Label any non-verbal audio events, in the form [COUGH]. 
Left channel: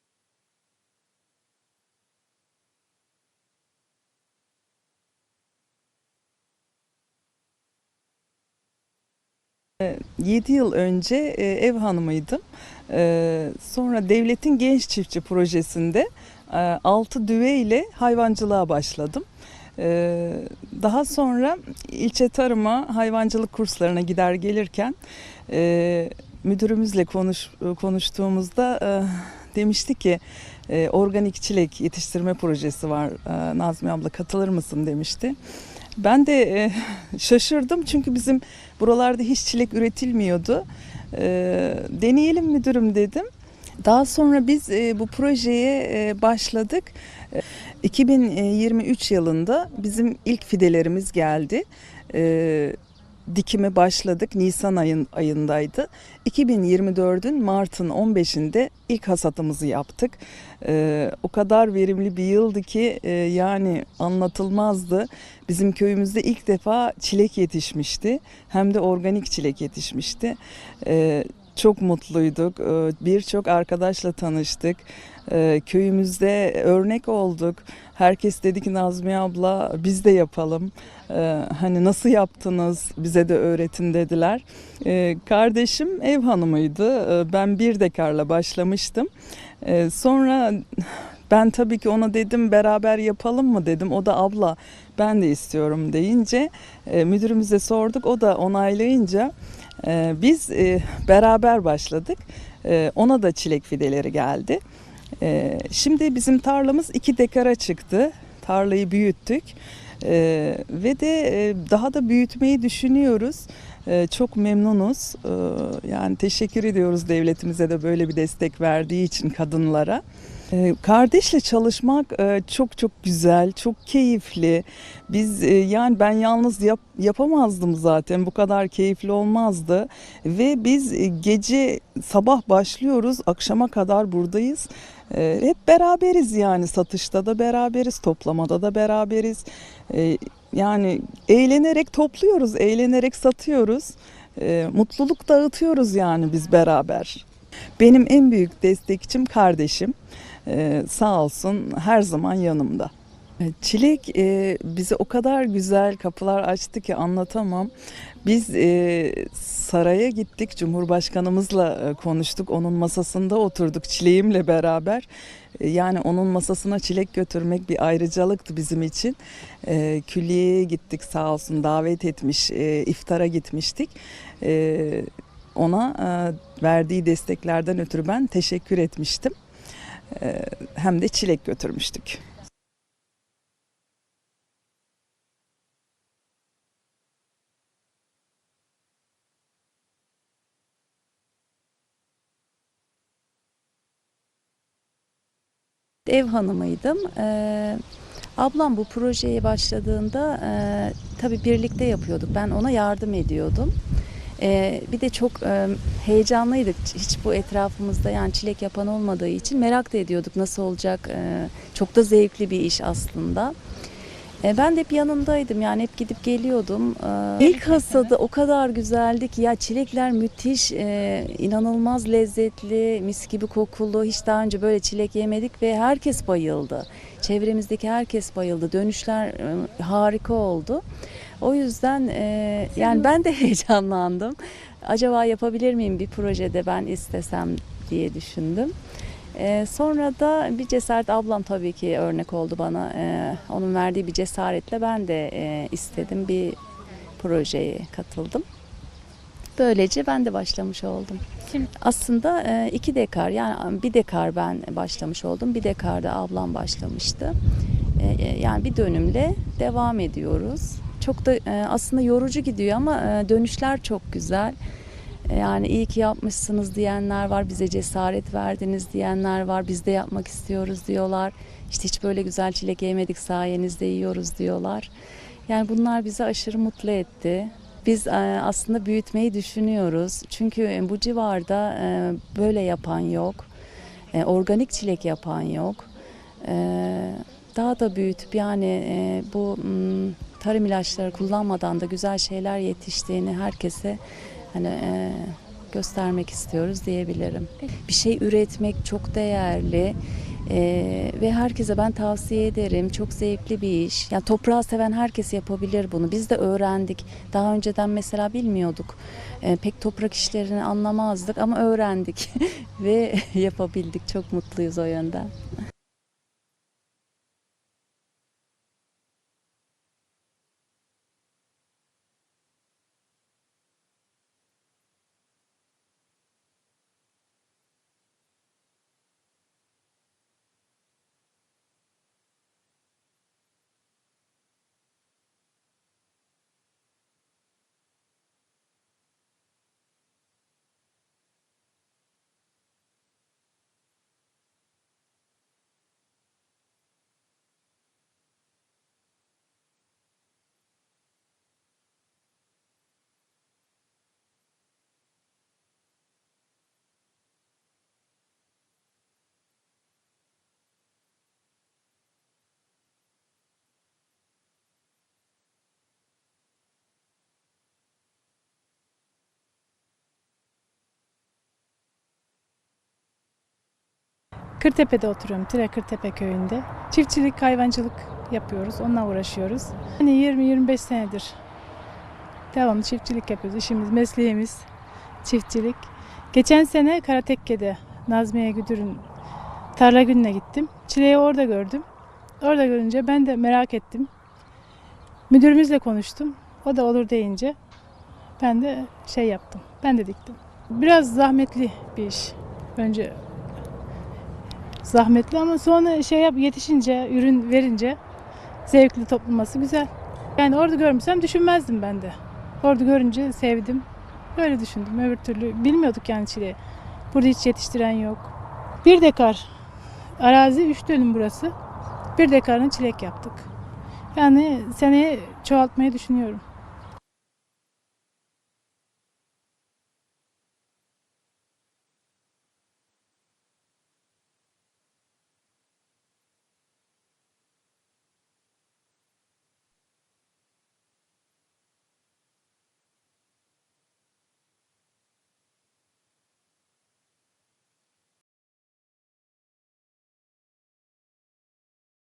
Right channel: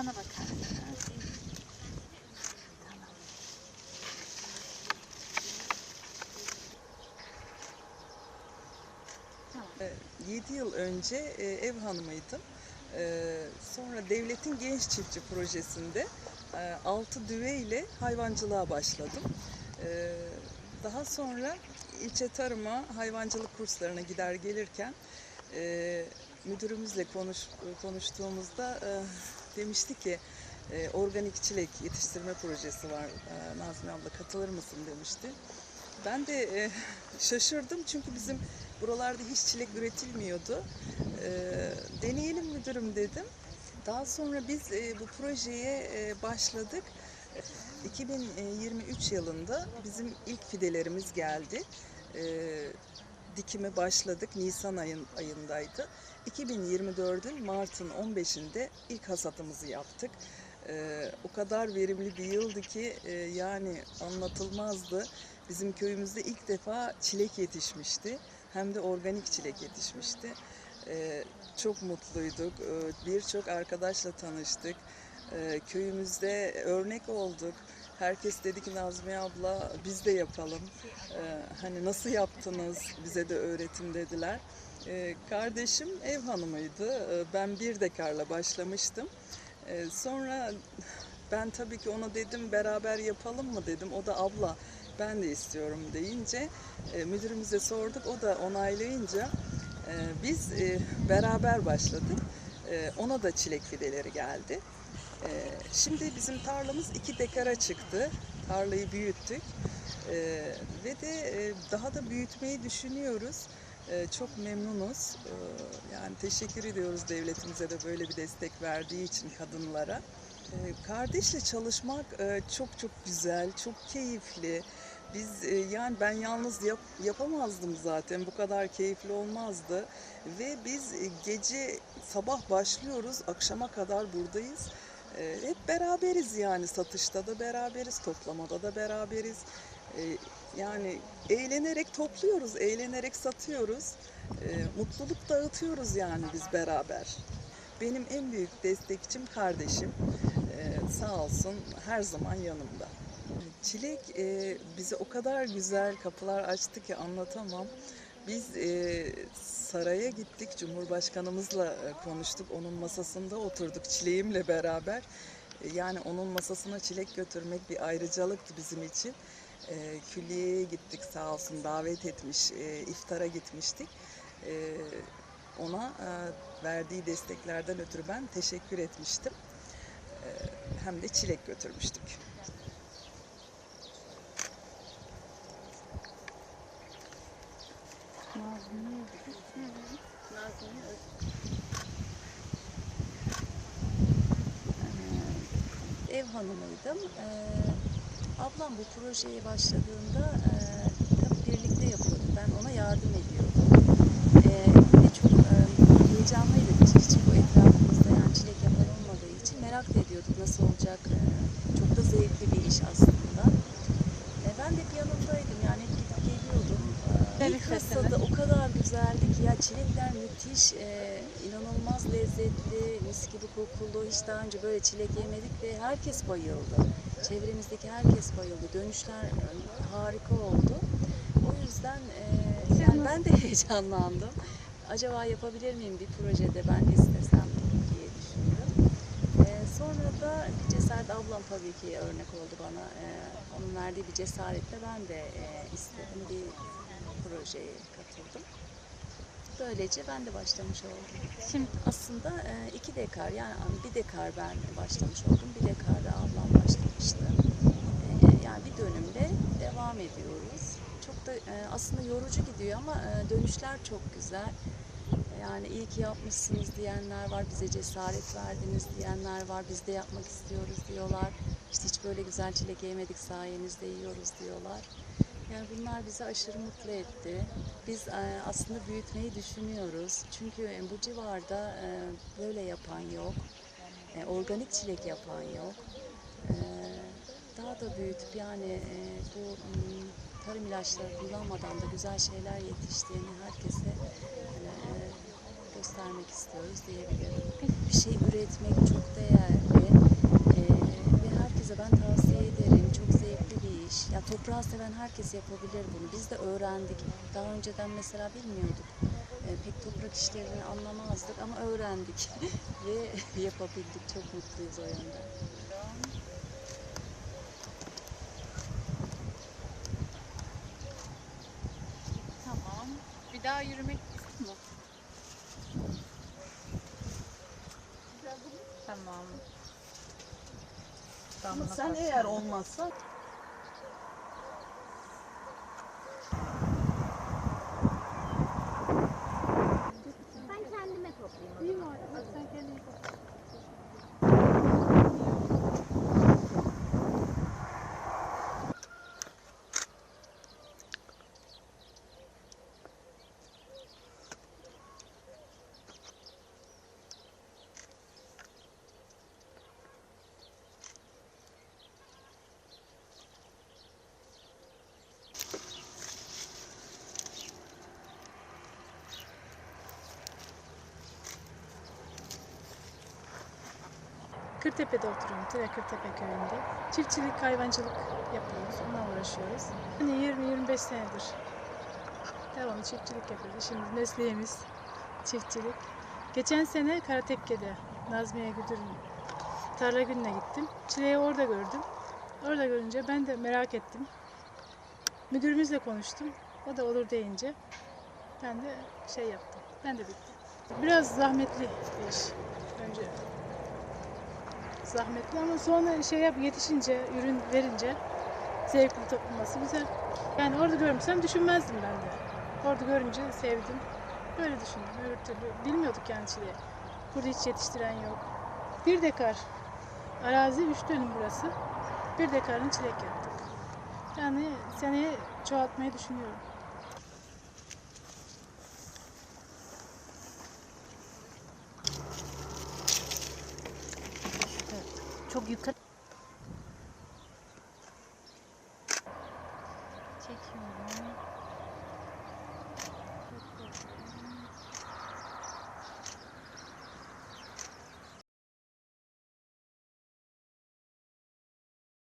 Bana bakar mısınız? 7 yıl önce e, ev hanımıydım. E, Sonra devletin genç çiftçi projesinde 6 düve ile hayvancılığa başladım. E, Daha sonra ilçe tarıma hayvancılık kurslarına gider gelirken e, müdürümüzle konuş, konuştuğumuzda e, demişti ki e, organik çilek yetiştirme projesi var. E, Nazmi abla katılır mısın demişti. Ben de e, [LAUGHS] şaşırdım çünkü bizim buralarda hiç çilek üretilmiyordu. E, deneyelim müdürüm dedim. Daha sonra biz e, bu projeye e, başladık. E, 2023 yılında bizim ilk fidelerimiz geldi. E, dikime başladık. Nisan ayın ayındaydı. 2024'ün Mart'ın 15'inde ilk hasatımızı yaptık. E, o kadar verimli bir yıldı ki e, yani anlatılmazdı. Bizim köyümüzde ilk defa çilek yetişmişti. Hem de organik çilek yetişmişti. Ee, çok mutluyduk. Ee, Birçok arkadaşla tanıştık. Ee, köyümüzde örnek olduk. Herkes dedi ki Nazmiye abla biz de yapalım. Ee, hani nasıl yaptınız bize de öğretin dediler. Ee, kardeşim ev hanımıydı. Ee, ben bir dekarla başlamıştım. Ee, sonra ben tabii ki ona dedim beraber yapalım mı dedim. O da abla ben de istiyorum deyince e, müdürümüze sorduk. O da onaylayınca e, biz e, beraber başladık. E, ona da çilek fideleri geldi. E, şimdi bizim tarlamız iki dekara çıktı. Tarlayı büyüttük. E, ve de e, daha da büyütmeyi düşünüyoruz. E, çok memnunuz. E, yani teşekkür ediyoruz devletimize de böyle bir destek verdiği için kadınlara. Kardeşle çalışmak e, çok çok güzel, çok keyifli. Biz e, yani ben yalnız yap, yapamazdım zaten. Bu kadar keyifli olmazdı. Ve biz e, gece sabah başlıyoruz, akşama kadar buradayız. Hep beraberiz yani satışta da beraberiz, toplamada da beraberiz. E, Yani eğlenerek topluyoruz, eğlenerek satıyoruz. E, Mutluluk dağıtıyoruz yani biz beraber. Benim en büyük destekçim kardeşim. Ee, sağ olsun her zaman yanımda. Ee, Çilek e, bize o kadar güzel kapılar açtı ki anlatamam. Biz e, saraya gittik, Cumhurbaşkanımızla e, konuştuk, onun masasında oturduk çileğimle beraber. Yani onun masasına çilek götürmek bir ayrıcalıktı bizim için. E, külliyeye gittik sağ olsun davet etmiş, e, iftara gitmiştik. E, ona e, verdiği desteklerden ötürü ben teşekkür etmiştim. E, hem de çilek götürmüştük. Ev hanımıydım. Ee, ablam bu projeye başladığında e, tabii birlikte yapıyorduk. Ben ona yardım ediyordum. Ee, bir de çok e, heyecanlıydık. Hiç bu etrafımızda yani çilek yapan olmadığı için merak da ediyorduk nasıl olacak. Ee, çok da zevkli bir iş aslında. Ee, ben de hep yanındaydım yani hep gidip geliyordum. Ee, İlk hasadı o kadar güzeldi ki ya çilekler müthiş, e, inanılmaz lezzetli, mis gibi kokulu. Hiç daha önce böyle çilek yemedik ve herkes bayıldı. Çevremizdeki herkes bayıldı. Dönüşler e, harika oldu. O yüzden e, yani ben de [LAUGHS] heyecanlandım. Acaba yapabilir miyim bir projede ben istesem diye düşündüm. E, sonra da bir cesaret ablam tabii ki örnek oldu bana. E, onun verdiği bir cesaretle ben de e, istedim bir projeye katıldım. Böylece ben de başlamış oldum. Şimdi Aslında e, iki dekar yani bir dekar ben başlamış oldum. Bir dekar da ablam başlamıştı. E, e, Yani bir dönümle devam ediyoruz. Çok da e, aslında yorucu gidiyor ama e, dönüşler çok güzel. E, Yani iyi ki yapmışsınız diyenler var, bize cesaret verdiniz diyenler var, biz de yapmak istiyoruz diyorlar. İşte hiç böyle güzel çilek yemedik sayenizde yiyoruz diyorlar. Yani bunlar bizi aşırı mutlu etti. Biz e, aslında büyütmeyi düşünüyoruz. Çünkü e, bu civarda böyle yapan yok. Organik çilek yapan yok. Daha da büyütüp yani bu m, tarım ilaçları kullanmadan da güzel şeyler yetiştiğini herkese hani e, göstermek istiyoruz diyebilirim. Bir şey üretmek çok değerli e, ve herkese ben tavsiye ederim. Çok zevkli bir iş. Yani toprağı seven herkes yapabilir bunu. Biz de öğrendik. Daha önceden mesela bilmiyorduk. E, pek toprak işlerini anlamazdık ama öğrendik [LAUGHS] ve [LAUGHS] yapabildik. Çok mutluyuz o yönden. tamam. Bir daha yürümek istiyor mu? Tamam. Ama Damla sen bak. eğer olmazsa Kırtepe'de oturuyorum. Tire Kırtepe köyünde. Çiftçilik, hayvancılık yapıyoruz. Onunla uğraşıyoruz. Hani 20-25 senedir devamlı çiftçilik yapıyoruz. İşimiz, mesleğimiz çiftçilik. Geçen sene Karatekke'de Nazmiye Güdür'ün tarla gününe gittim. Çileği orada gördüm. Orada görünce ben de merak ettim. Müdürümüzle konuştum. O da olur deyince ben de şey yaptım. Ben de diktim. Biraz zahmetli bir iş. Önce zahmetli ama sonra şey yap yetişince, ürün verince zevkli toplaması güzel. Yani orada görmesem düşünmezdim ben de. Orada görünce sevdim. Böyle düşündüm. Öbür türlü bilmiyorduk yani çileği. Burada hiç yetiştiren yok. Bir dekar arazi, üç dönüm burası. Bir dekarını çilek yaptık. Yani seneye çoğaltmayı düşünüyorum. khích